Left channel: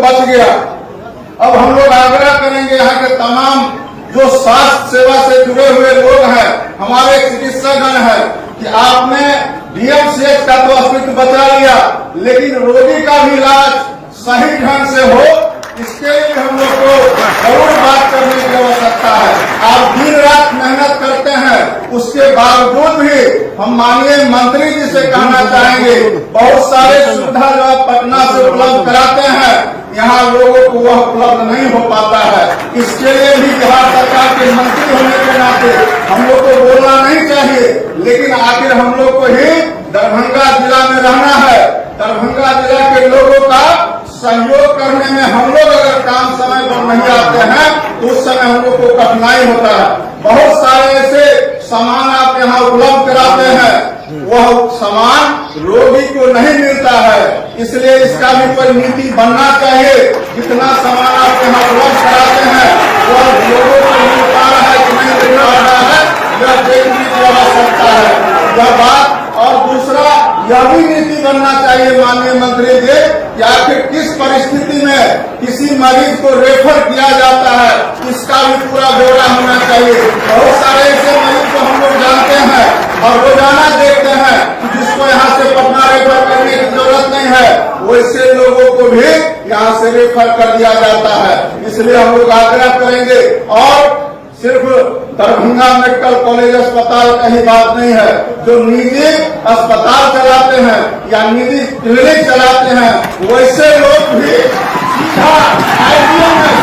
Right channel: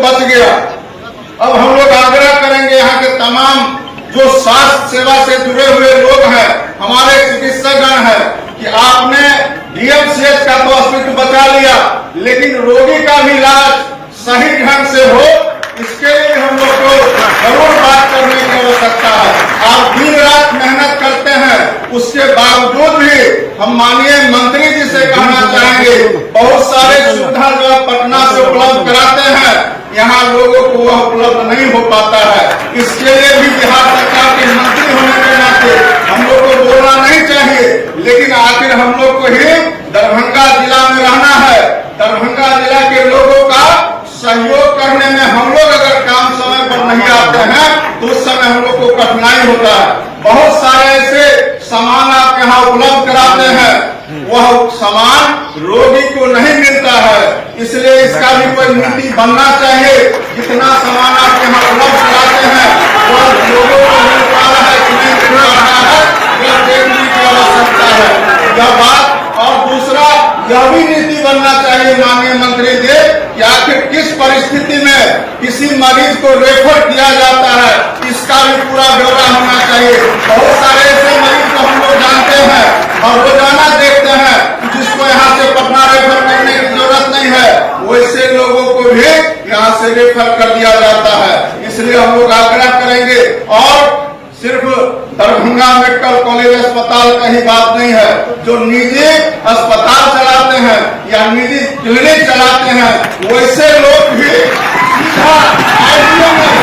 तो बच गया। अब हम लोग आग्रह करेंगे यहाँ के तमाम जो स्वास्थ्य सेवा से जुड़े हुए लोग हैं, हमारे चिकित्सकगण हैं, कि आपने डीएमसीएच का तो अस्तित्व बचा लिया, लेकिन रोगी का भी इलाज सही ढंग से हो, इसके लिए हम लोग को जरूर बात करने की आवश्यकता है। आप दिन रात मेहनत करते हैं, उसके बावजूद भी हम माननीय मंत्री जी से कहना चाहेंगे, बहुत सारे सुविधा जो पटना से उपलब्ध कराते हैं, यहाँ लोगों को वह उपलब्ध नहीं हो पाता है। इसके लिए भी बिहार सरकार के मंत्री होने के नाते हम लोग को बोलना नहीं चाहिए, लेकिन आखिर हम लोग को ही दरभंगा जिला में रहना है। दरभंगा जिला के लोगों का सहयोग करने में हम लोग अगर काम समय पर नहीं आते हैं तो उस समय हम लोग को कठिनाई होता है। बहुत सारे ऐसे सामान आप यहाँ उपलब्ध कराते हैं, वह सामान रोगी को नहीं मिलता है, इसलिए इसका भी कोई नीति बनना चाहिए। जितना सामान आप यहाँ उपलब्ध कराते हैं वह लोगों को मिल पा रहा है कि नहीं मिल रहा है, यह देखने की आवश्यकता है यह बात। और दूसरा, यह भी नीति बनना चाहिए माननीय मंत्री जी कि आखिर किस परिस्थिति में किसी मरीज को रेफर किया जाता है, इसका भी पूरा ब्यौरा होना चाहिए। बहुत सारे ऐसे मरीज को हम लोग जानते हैं और रोजाना देखते हैं जिसको यहाँ से पटना रेफर करने की जरूरत नहीं है, वैसे लोगों को भी यहाँ से रेफर कर दिया जाता है। इसलिए हम लोग आग्रह करेंगे, और सिर्फ दरभंगा मेडिकल कॉलेज अस्पताल का ही बात नहीं है, जो निजी अस्पताल चलाते हैं या निजी क्लिनिक चलाते हैं, वैसे लोग भी सीधा आईडीएमएस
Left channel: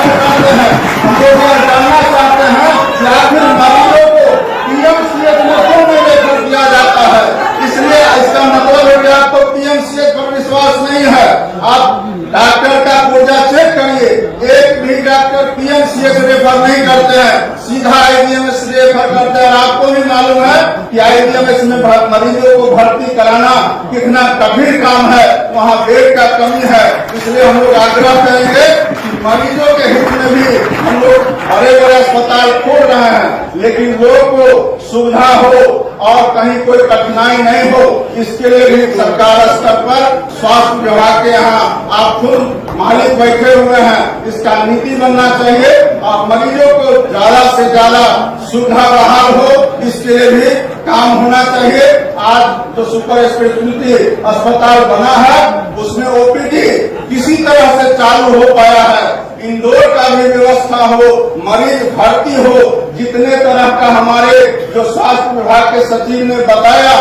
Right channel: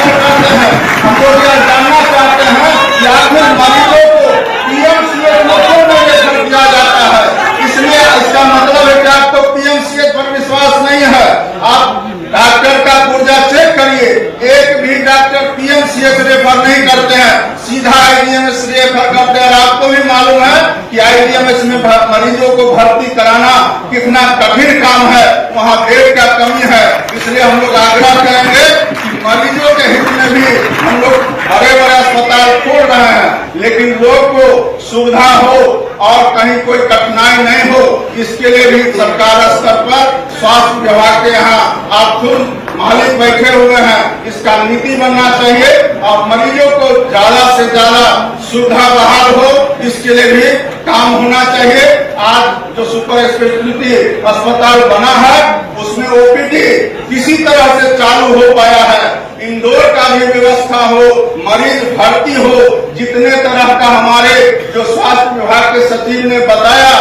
में जाते हैं। हम लोग यह जानना चाहते हैं कि आखिर मरीजों को पीएमसीएच में क्यों नहीं रेफर किया जाता है। इसलिए इसका मतलब है कि आपको पीएमसीएच पर विश्वास नहीं है। आप डॉक्टर का पुर्जा चेक करिए, एक भी डॉक्टर पीएमसीएच रेफर नहीं करते हैं, सीधा आईडीएमएस रेफर करते हैं। और आपको भी मालूम है कि आईडीएमएस में मरीजों को भर्ती कराना कितना कठिन काम है, वहाँ बेड का कमी है। इसलिए हम लोग आग्रह करेंगे कि मरीजों के हित में भी हम लोग बड़े बड़े अस्पताल खोल रहे हैं, लेकिन लोग को सुविधा हो और कहीं कोई कठिनाई नहीं हो, इसके लिए भी सरकार स्तर पर स्वास्थ्य विभाग के यहाँ आप खुद मालिक बैठे हुए हैं, इसका नीति बनना चाहिए और मरीजों को ज्यादा से ज्यादा सुविधा बहाल हो, इसके लिए भी काम होना चाहिए। आज जो सुपर स्पेशलिटी अस्पताल बना है उसमें ओपीडी किसी तरह से चालू हो पाया है, इंडोर का भी व्यवस्था हो, मरीज भर्ती हो, जितने तरह का हमारे जो स्वास्थ्य विभाग के सचिव ने बताया,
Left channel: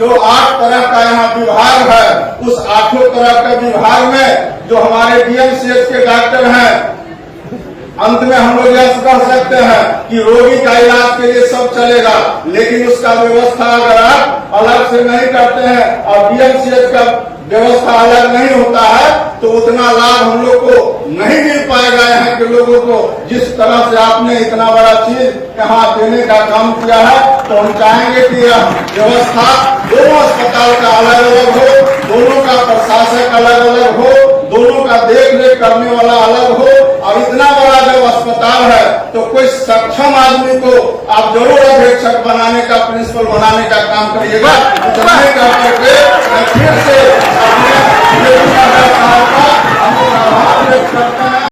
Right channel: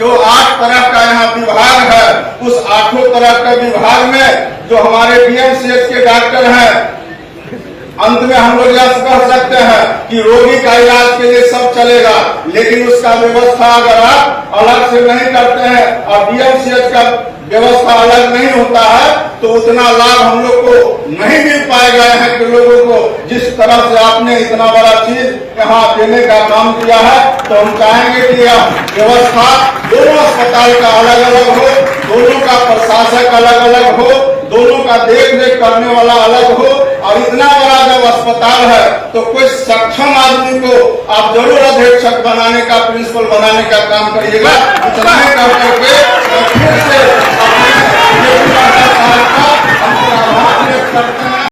जो 8 तरह का यहाँ विभाग है, उस 8 तरह के विभाग में जो हमारे डीएमसीएच के डॉक्टर हैं, अंत में हम लोग यह कह सकते हैं कि रोगी का इलाज के लिए सब चलेगा, लेकिन उसका व्यवस्था अगर आप अलग से नहीं करते हैं और डीएमसीएच का व्यवस्था अलग नहीं होता है तो उतना लाभ हम लोग को नहीं मिल पाएगा। यहाँ के लोगों को जिस तरह से आपने इतना बड़ा चीज यहाँ देने का काम किया है, तो हम चाहेंगे कि यह व्यवस्था दोनों अस्पताल का अलग अलग हो, दोनों का प्रशासक अलग अलग हो, दोनों का देख रेख करने वाला अलग हो। और इतना बड़ा जब अस्पताल है तो कोई सक्षम आदमी को आप जरूर अधीक्षक बनाने का, प्रिंसिपल बनाने का काम करिएगा। इतना ही कर करके फिर से